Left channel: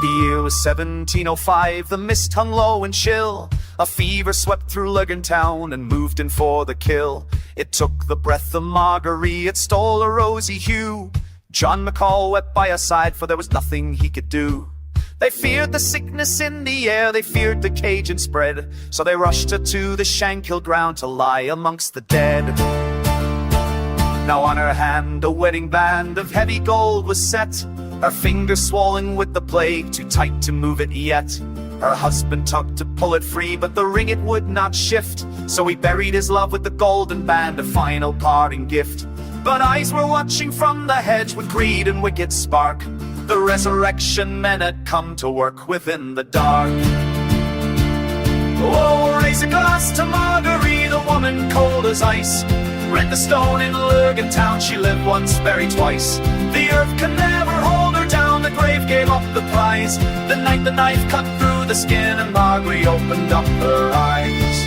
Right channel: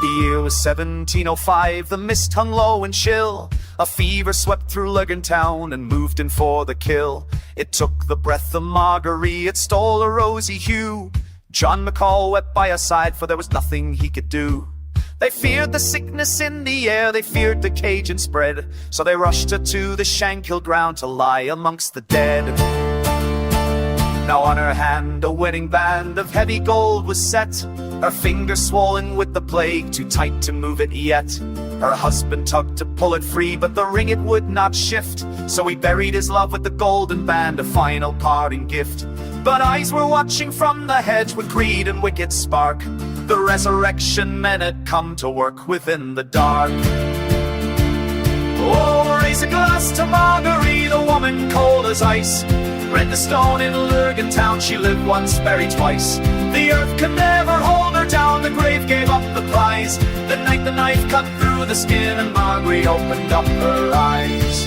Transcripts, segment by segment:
The year was 1705, the mist hung low and chill. A fever swept through Lurgan town and moved in for the kill. It took the breath of Margorie, it stole a rosy hue. John McCall wept by her side, for there was nothing he could do. They feared the sickness in the air, they feared the contagion spread, so they rushed her to the Shankill ground to lie amongst the dead. Now on her hand a wedding band of heavy gold was set, her fingers swollen with the plague, too tight to move it yet. Her husband tugged to pull it free, but the ring it would not shift, so he buried his love with the golden band, a final parting gift. But eyes were watching from the hedge with greed and wicked spark. The resurrection men had come to work within the dark. Oh, raise a glass to Margorie, the woman cold as ice. Read the stone in Lurgan town, she lived once, buried twice. The earth could never hold her down, the grave gave up the prize. The night the knife cut through the skin and Margorie opened up her eyes.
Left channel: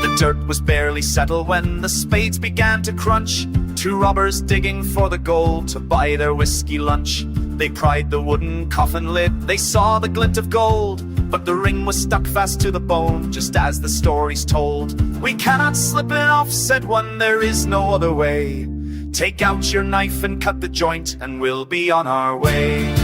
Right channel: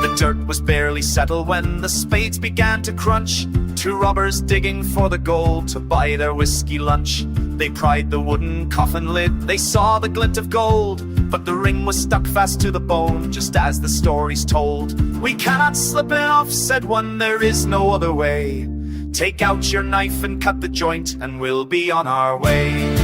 The dirt was barely settled when the spades began to crunch. Two robbers digging for the gold to buy their whiskey lunch. They pried the wooden coffin lid, they saw the glint of gold, but the ring was stuck fast to the bone, just as the story's told. We cannot slip it off, said one, there is no other way. Take out your knife and cut the joint, and we'll be on our way.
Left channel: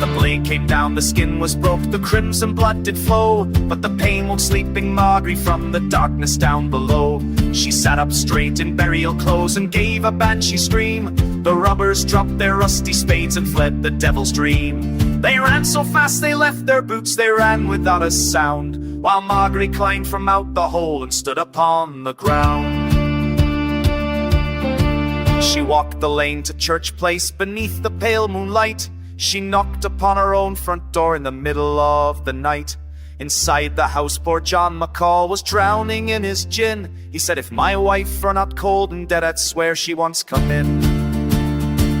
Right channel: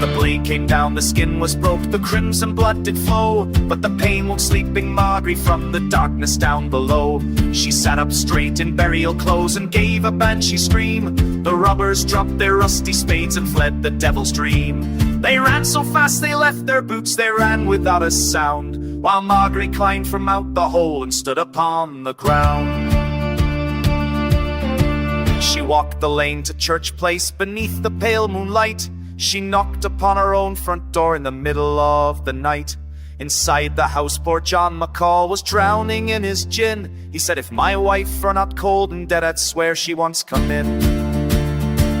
The blade came down, the skin was broke, the crimson blood did flow, but the pain woke sleeping Margorie from the darkness down below. She sat up straight in burial clothes and gave a banshee scream. The robbers dropped their rusty spades and fled the devil's dream. They ran so fast they left their boots, they ran without a sound, while Margorie climbed from out the hole and stood upon the ground. She walked the lane to Church Place beneath the pale moonlight. She knocked upon her own front door in the middle of the night. Inside the house poor John McCall was drowning in his gin. He said, if my wife were not cold and dead, I'd swear she once come in.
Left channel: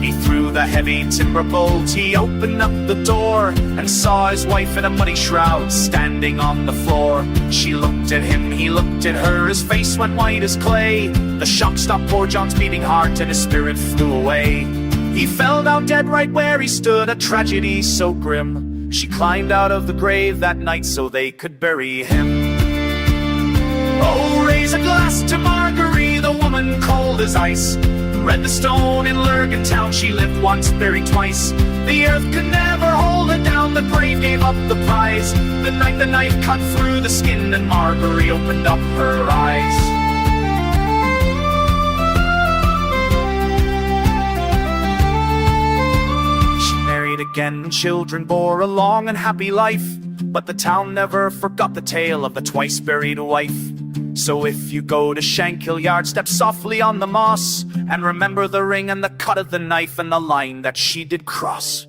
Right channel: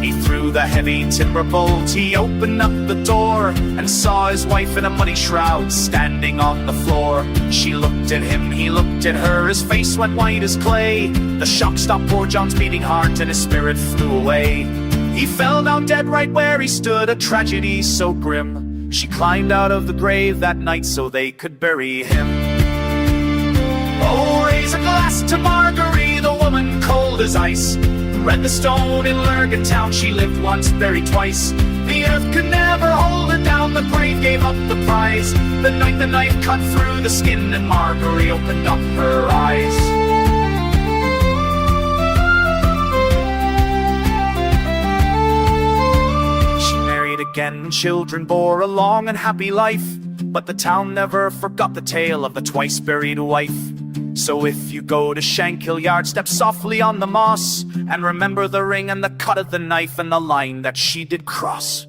He threw the heavy timber bolt, he opened up the door, and saw his wife in a muddy shroud standing on the floor. She looked at him, he looked at her, his face went white as clay. The shock stopped poor John's beating heart and his spirit flew away. He fell down dead right where he stood, a tragedy so grim. She climbed out of the grave that night so they could bury him. Oh, raise a glass to Margorie, the woman cold as ice. Read the stone in Lurgan town, she lived once, buried twice. The earth could never hold her down, the grave gave up the prize. The night the knife cut through the skin and Margorie opened up her eyes. Again, and children bore a long and happy life, but the town never forgot the tale of the twice buried wife. So if you go to Shankill yard, step softly on the moss, and remember the ring and the cut of the knife and the line that she did cross.